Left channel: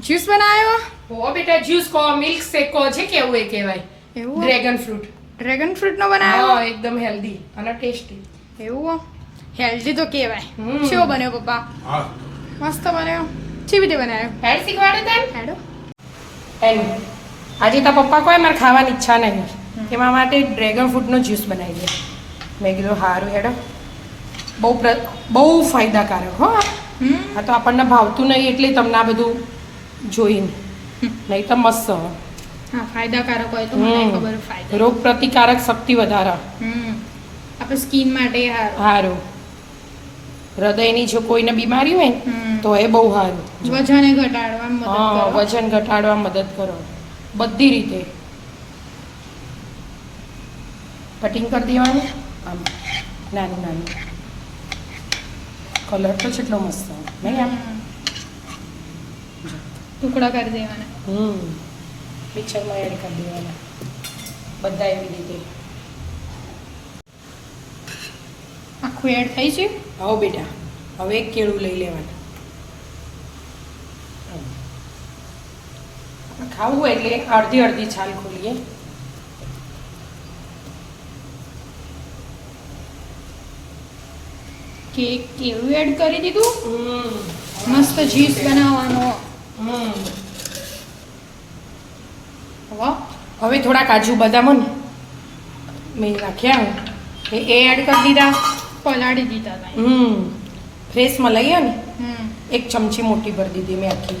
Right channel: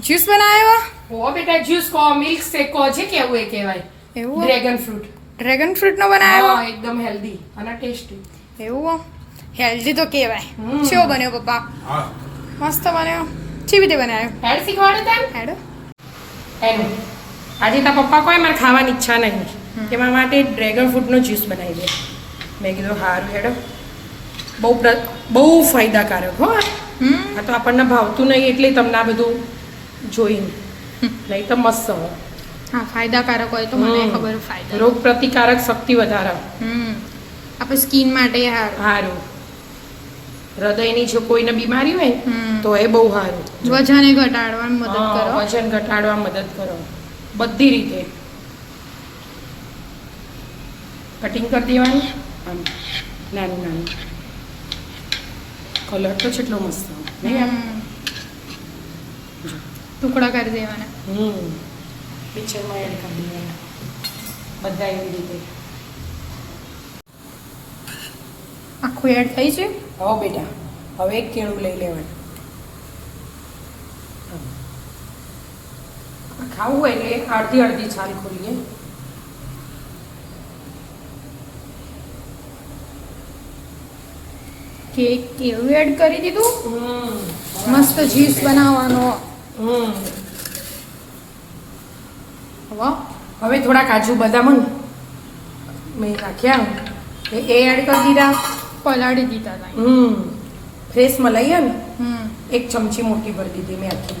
Juice બનાવ્યો? ઓ બેટા juice કો મિલ્ક શેક કો છે કેવું એ કહેવાય. એવું ડ્રેગન ફ્રૂટ. ડ્રેગન ફ્રૂટ નો બનાવ્યો? હા એકદમ હેલ્ધી અને ટેસ્ટી. એવું હેલ્ધી તો કહેવાય. હમ. કેવો બન્યો પપ્પા? મસ્ત બન્યો. કેવી રીતે બનાવ્યો? હેડ શીખવાડે તને? હેડો. હેડ. આજે તારા પપ્પા કોઈ મારે ખાવાની ઈચ્છા નહીં. એમાં માટે ડ્રેગન ફ્રૂટનો જ્યુસ બનાવી દે. મેં કીધું સારું હેડ. બહુ ફાયદાકારક હો આ. આ તો આપણને ભાવતું નહીં એટલે તમને આ બધું જોઈને નહીં તો મસ્ત હોય. હા ફાયદાકારક હોય તો મને ખબર ફાયદા. રોગ પ્રતિકારક શક્તિ વધારે. આપણે સ્કિન માટે સારું. સારું. હૃદયની જો કોઈને બીમારી હોય ને તો એ બહુ સારું. વજન ઘટાડવામાં મદદ હા, કરો. વજન ઘટાડવા મદદ કરો બધી રીતે. કટિંગ કરી દેવાનું આમ નાનું નાનું. કલર તો કેટલો મસ્ત નહીં આમ. ટુકડા કરી દેવાના. મિક્સરમાં એડ કરી દેવાના બધા એવી રીતે. આખું એડ થઈ છે. હવે બેટા હવે એક કેળું લઈ લેવાનું. ખાવું હોય એટલે અડધી અડધી છાલ ખોલીએ. કેક કેવું એડ કરી દીધું. મસ્ત જ્યુસ બનાવવાનો. હવે થોડા કાજુ બદામ ને મેં રાખ્યા એ એડ કરી દીધા. પલાળી દીધા હતા. ફ્રેશ મલાઈ ને એક ચમચી મોટી ભરી દીધી મેં આખી.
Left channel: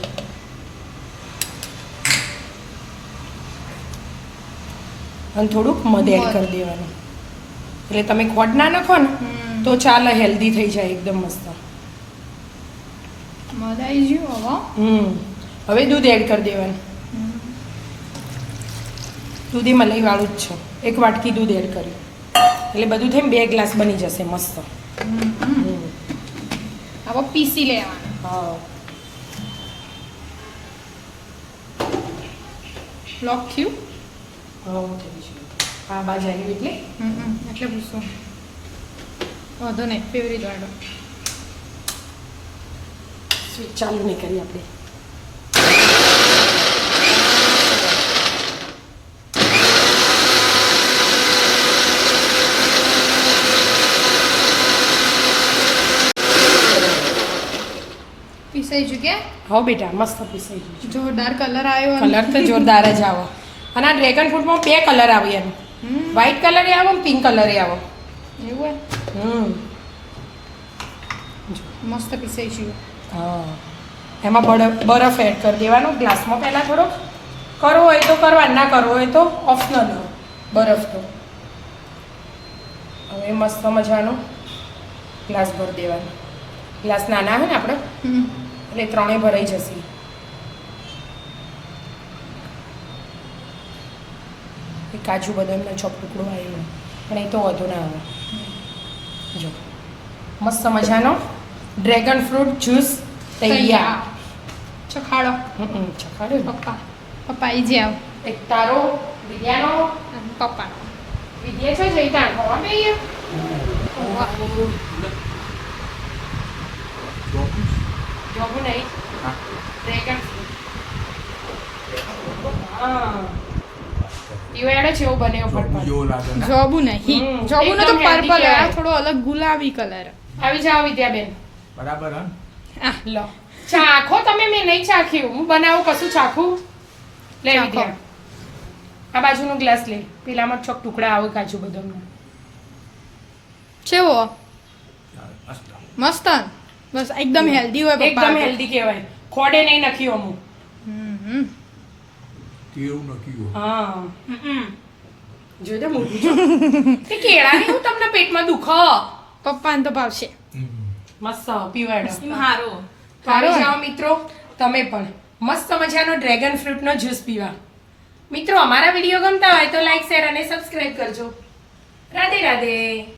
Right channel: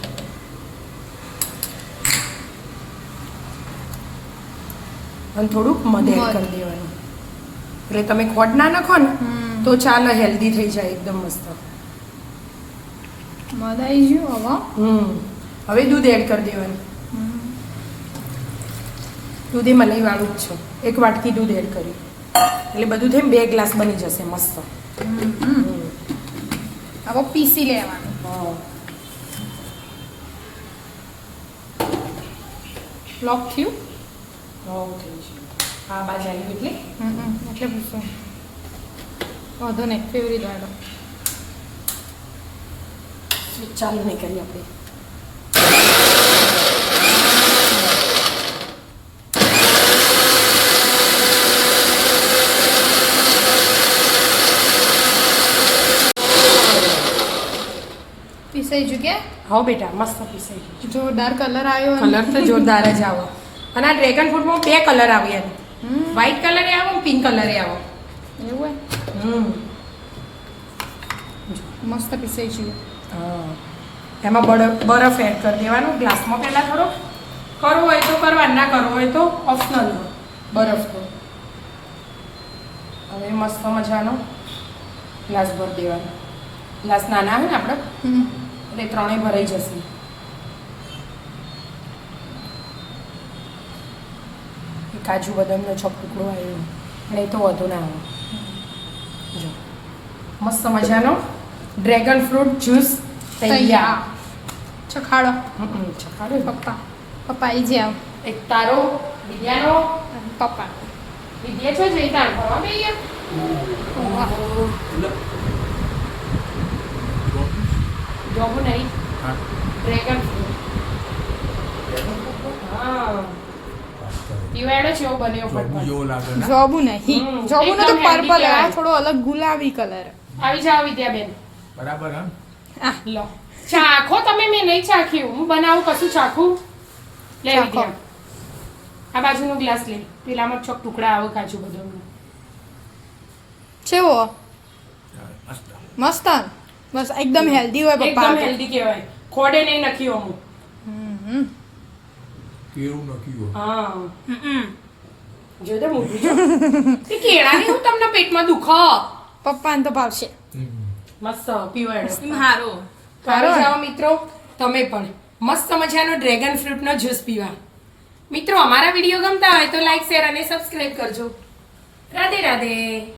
અને થોડુંક મધ એડ કરી દેવાનું એટલે તમે ખોટ ના નાખો ને તો ચાલે હેલ્ધી થઈ જાય એકદમ મસ્ત. મધ આવી ગયું. હવે દૂધ એડ કરી દેવાનું. દૂધ એ મલાઈ વાળું જ છે. એક વાટકી દૂધ એડ કર્યું એટલે બધું થઈને 2 ગ્લાસ બની જશે મસ્ત. હવે પીસી લેવાનું. લોક થયું. હા બાજુ આવી એટલે એટલે પૂછું. વાંધો નહીં ફેવરી દાડો. ચાલુ નહીં કરીએ આપણે. પીસાઈ ચૂક્યા. હા બેટા મસ્ત પીસાઈ ગયું. જોરદાર કલર આવ્યો. કલર તો જોરદાર જ આવો. અને આ ડ્રેગન ફ્રૂટમાં 2 કલર આવે એનો. વ્હાઈટ કલર એ આવો પિંક કલર એ આવો. એવું મસ્ત પીસાઈ ગયું. હા એમાં બરફ એડ કરી દેવાનો ગ્લાસમાં પહેલાં થોડો. કરવો હોય તો કરવા, ના કરવો હોય તો ઓપ્શનલ બરફ તો. હવે મસ્ત મજાનો ગ્લાસ ભરી દેવાનો. ગ્લાસ નાના હોય ને આપણે એટલે 3 ભરાઈ જશે. કાજુ બદામનો ચોપટુકડો આવ્યો પણ એ તો વધુ ના આવે. જો મસ્ત મજાનો ડ્રેગન ફ્રૂટ જ્યુસ તૈયાર. ચખાડો. ચખાડો પપ્પા આવી જાવ. એક તારો વિદ્યાનો પપ્પાનો. વિદ્યા છો જઈ તાણ કરવા બેહીએ. જોબુ નહીં ડ્રેગન ફ્રૂટ. હા ઈવાડે છે એવું બને ફટફટ. જોબુ નહીં. જોબુનો તો પર્પલ આ થોડો અલગ ગુલાબી કલર. આવી જાઓ વિદ્યાબેન. બરાબર આ લો ચાખો તમે. મેં નહીં ચાખ્યું. હું બનાવું કશું ચાખું. લે વિદ્યા આ બાજુનો ગ્લાસ લે. પેલામાં ચોક ટુકડા આવે કાજુ બદામનો. કેવો મસ્ત. બસ એકદમ હેલ્ધી હોય પપ્પા. એકદમ હેલ્ધી કહેવાય. ખોડે નહીં નાખ્યું અમુક. કેવું નક્કી હા જોઈ દે મોટું છે. તે કેળા ને હું તમને પેટમાં દુખો. પપ્પાને તો ભાવશે. મસ્ત પીવાડો. હારો આવી જાઓ મિત્રો તમે પણ મસ્ત મજાનો ડ્રેગન ફ્રૂટનો જ્યુસ પીવા. મિત્રો અમારા વિડીયો ગમતા હોય તો લાઈક શેર અને સબસ્ક્રાઇબ કરજો. રાધે રાધે.